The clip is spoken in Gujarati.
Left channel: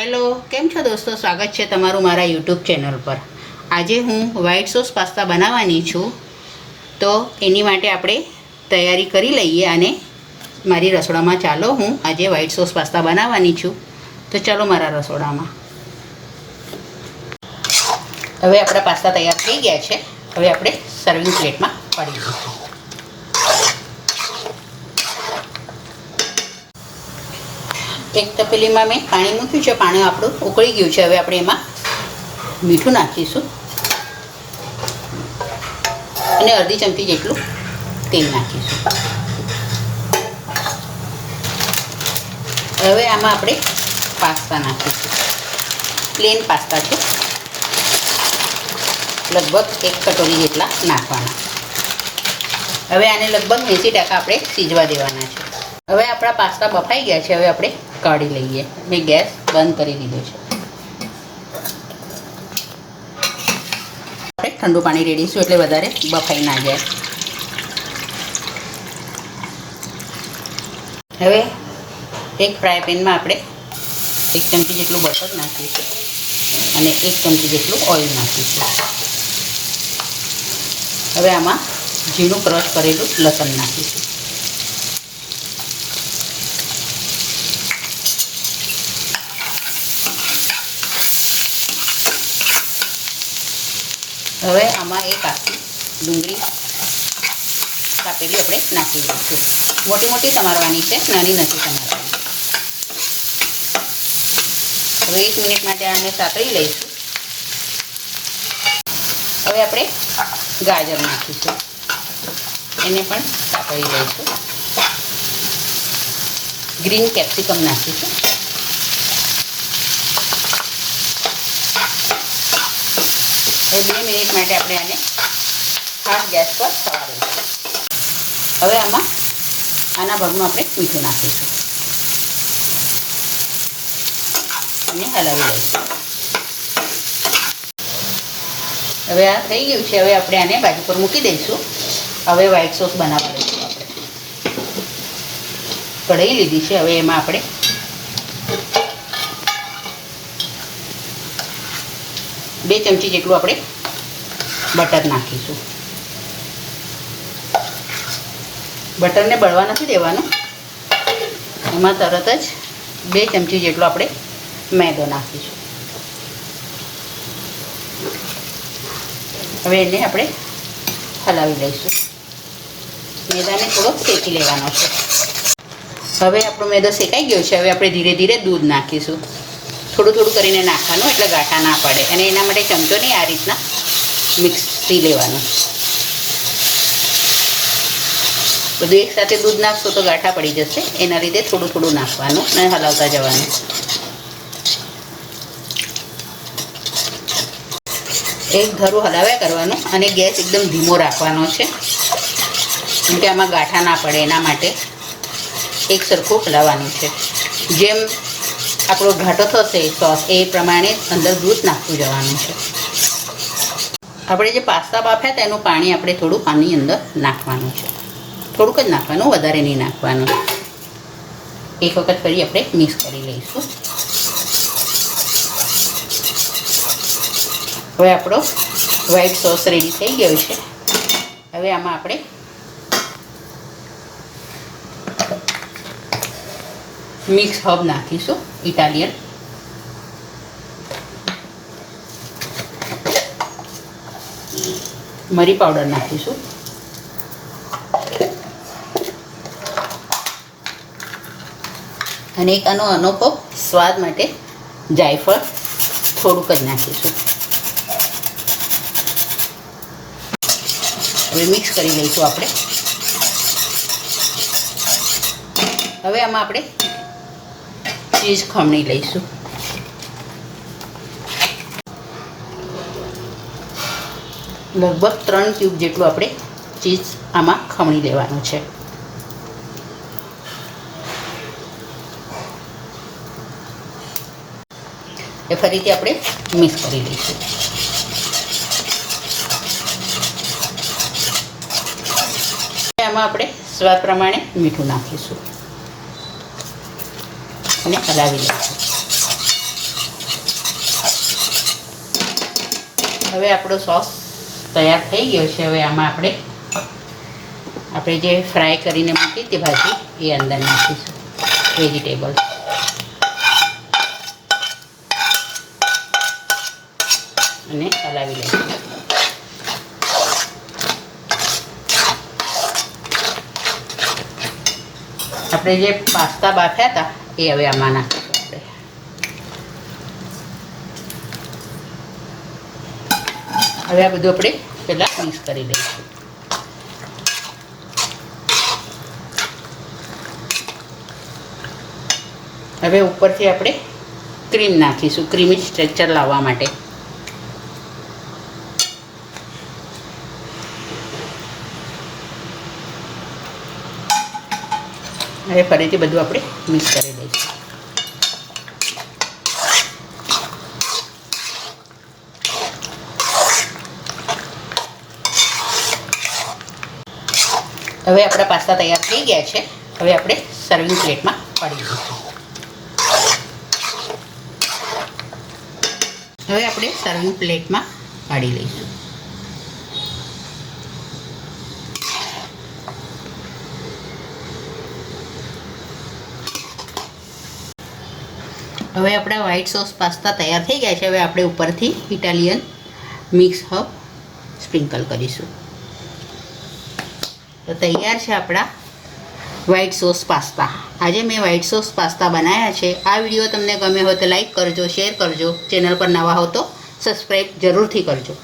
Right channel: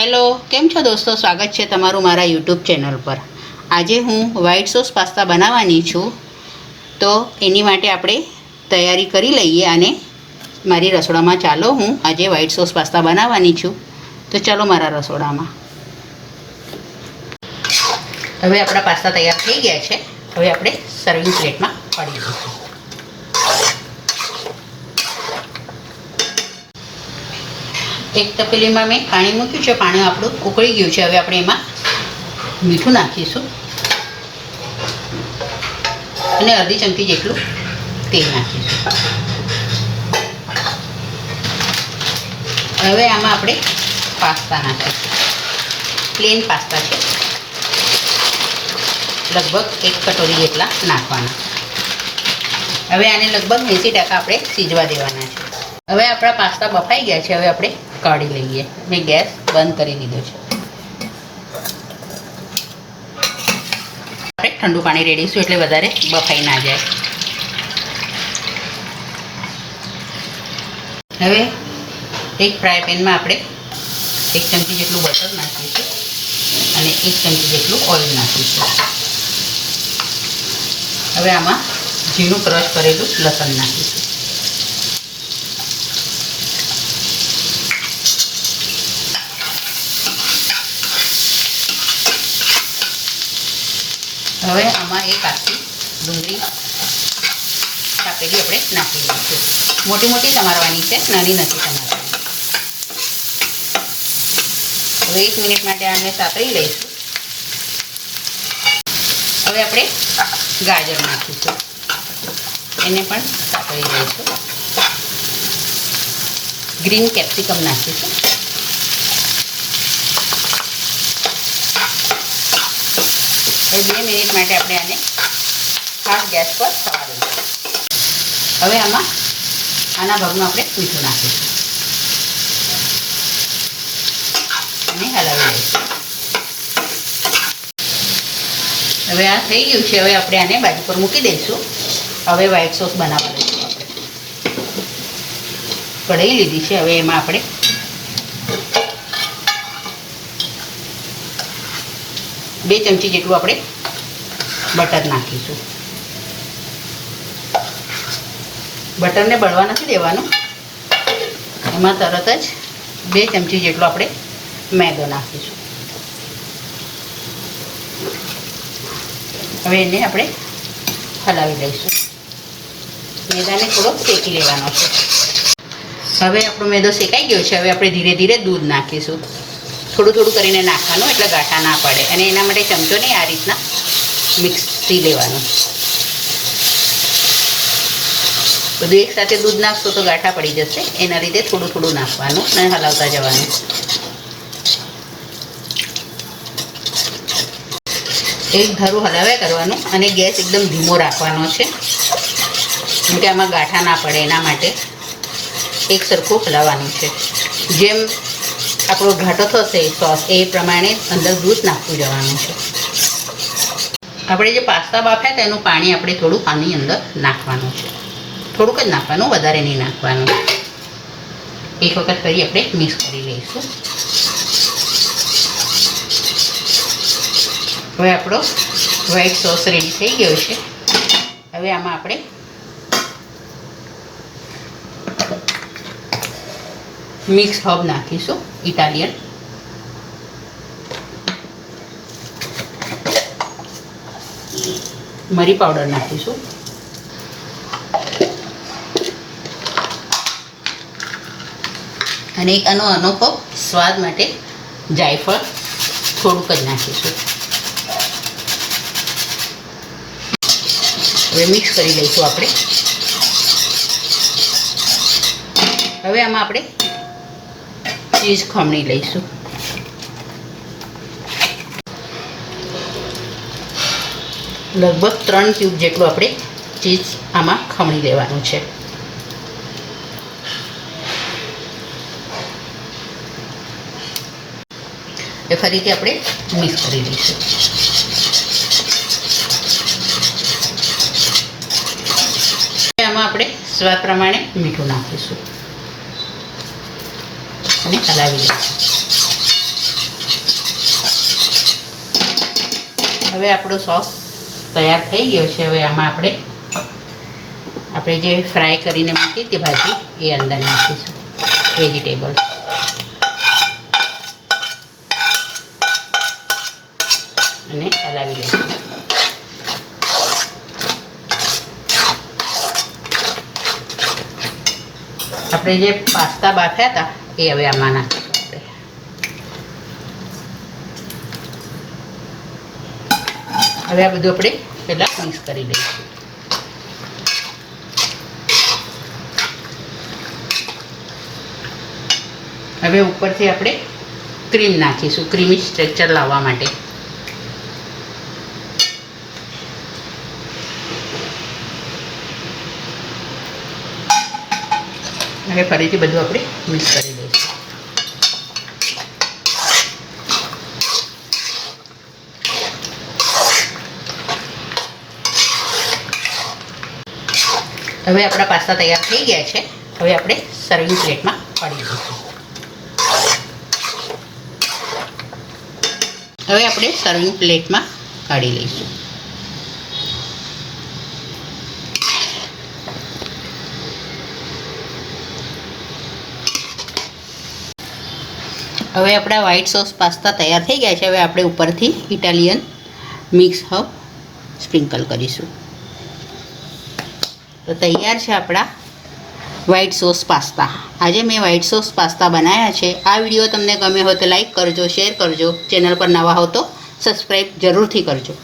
હેલો, કેમ છો દોસ્તો? સ્વાગત છે તમારું મારા યુટ્યુબ ચેનલ પર. આજે હું વ્હાઈટ સોસ પાસ્તા બનાવવાની છું, તો એની માટે આપણે તૈયારી કરી લઈએ. અને મારી રસોડામાં ચાલો, હું આજે વ્હાઈટ સોસ પાસ્તા બનાવવાની છું. તો ચાલો મારા રસોડામાં. હવે આપણા પાસ્તા તૈયાર થઈ ગયા છે. હવે આપણે સર્વિંગ પ્લેટમાં કાઢી દઈશું. એક તપેલીમાં મેં પાણી મૂક્યું છે. પાણી આપણું ઉકળી ગયું છે. હવે આપણે એમાં મીઠું નાખીશું અને અડધી ચમચી જેટલું તેલ નાખીશું. હવે આમાં આપણે પાસ્તા નાખીશું. પ્લેન પાસ્તા છે, લગભગ 1 કટોરી જેટલા નાખવાના. હવે આને લગભગ 80% આપણે સીજવા દેવાના છે. હવે આપણા પાસ્તા બફાઈ ગયા છે. હવે આપણે કાઢી લઈએ. મેં ગેસ બંધ કરી દીધો છે. આપણે ઠંડુ પાણી રેડીશું એટલે વધારે બફાઈ ના જાય. હવે એક ફ્રાય પેનમાં આપણે 1 ચમચી જેટલું બટર નાખીશું અને 1 ચમચી જેટલું ઓઇલ નાખીશું. હવે આમાં ઝીણું ક્રશ કરેલું લસણ નાખીશું. હવે આમાં એક આખી ડુંગળી કાપેલી આપણે નાખી દઈશું. મોટી મોટી સમારવાની છે, નાની નથી સમારવાની. હવે 1 મિનિટ માટે આને સાતળી લઈશું. હવે આપણે ગાજર નાખીશું, એને પણ સાતળી લઈશું. ગ્રીન કેપ્સિકમ નાખીશું. હવે 2 મિનિટ માટે આપણે આને ફાસ્ટ ગેસ પર થવા દઈશું. હવે આમાં આના ભાગમાં આપણે મીઠું નાખીશું અને હલાવી લઈશું. હવે આ થઈ ગયું છે. હવે આપણે આને બાજુ પર મૂકી દઈશું. હવે વ્હાઈટ સોસ બનાવવા દઈશું. આપણે કઢાઈ લીધી છે. હવે એમાં આપણે 2 ચમચી જેટલું આપણે બટર નાખીશું. બટરને બળવા નથી દેવાનું. એમાં તરત જ 2 ચમચી જેટલો આપણે મેદો નાખીશું. હવે એને આપણે હલાવી દઈશું. મેદાને થોડો શેકી લેવાનો છે. હવે આપણો મેદો શેકાઈ ગયો છે. હવે આપણે ધીરે ધીરે દૂધ નાખીશું. થોડું થોડું કરીને નાખવાનું, એટલે ગાંઠા ના પડે. અને એના માટે ચમચો નહીં, આ રીતના મિક્સથી લેવાનું. બધું એકસાથે દૂધ નાખશો તો ગાંઠા પડી જશે. એના લીધે થોડું થોડું નાખવાનું અને હલાવતા જવાનું. એક ધારું હલાવ્યા કરવાનું અને ગેસ એકદમ ધીમો રાખવાનો છે, કેમ કે આમાં ગાંઠા ના પડે. એના માટે એક સરખું હલાવવાનું છે. જેમ આપણો ઘાટો થશે સોસ, એ પ્રમાણે અંદર દૂધ નાખતું જવાનું છે. આપણે જે પાસ્તા બાફ્યા હતા એનું પાણી આપણે થોડું આની અંદર નાખવાનું છે. થોડુંક જ નાખવાનું, વધારે નહીં નાખવાનું. એક વખત ફરી આપણે મિક્સ કરી લઈશું. હવે આપણો વ્હાઈટ સોસ રેડી થઈ ગયો છે. હવે આમાં આપણે મિક્સ હર્બ નાખીશું, ઇટાલિયન. મરી પાવડર નાખીશું. અને એક આનો અનોખો સ્વાદ માટે જાયફળ થોડુંક જ નાખીશું. હવે મિક્સ કરી દઈશું આપણે. હવે આમાં આપણે ચીઝ ખમણી લઈશું. લગભગ 3 ક્યુબ જેટલું આપણે ચીઝ આમાં ખમણી લેવાનું છે. એ ફરીથી આપણે મિક્સ કરી દઈશું. આમાં આપણે સ્વાદ પ્રમાણે મીઠું નાખીશું અને હલાવી લઈશું. હવે આપણો સોસ તૈયાર થઈ ગયો છે. હવે આમાં આપણે જે ફ્રાય કરીને મૂકી હતી ભાજી એ અંદર નાખીશું વેજીટેબલ અને હલાવી લઈશું. આપણે જે પાસ્તા બાફ્યા હતા એ હવે આમાં નાખીશું. હવે આ બધું આપણે પહેલાં મિક્સ કરી દઈશું. હવે ઉપરથી આપણે ક્રીમ નાખીશું ક્રીમી સ્ટ્રક્ચર લાવવા માટે. હવે ફરીથી બધું આપણે મિક્સ કરી દઈશું. હવે આપણા પાસ્તા તૈયાર થઈ ગયા છે. હવે આપણે સર્વિંગ પ્લેટમાં કાઢી દઈશું. હવે આપણે સર્વિંગ પ્લેટમાં કાઢી લઈશું. હવે આપણા વ્હાઈટ સોસ પાસ્તા તૈયાર થઈ ગયા છે. હવે આપણે ઉપરથી ઇટાલિયન મિક્સ હબ સ્પ્રિંકલ કરીશું. તો તૈયાર છે આપણા વ્હાઈટ સોસ પાસ્તા. આજે મેં વ્હાઈટ સોસ પાસ્તા બનાવ્યા છે. આ વિડીયો તમને ગમ્યો હોય તો લાઈક કરજો, શેર કરજો. ચેનલ પર નવા હો તો સબસ્ક્રાઈબ જરૂરથી કરજો.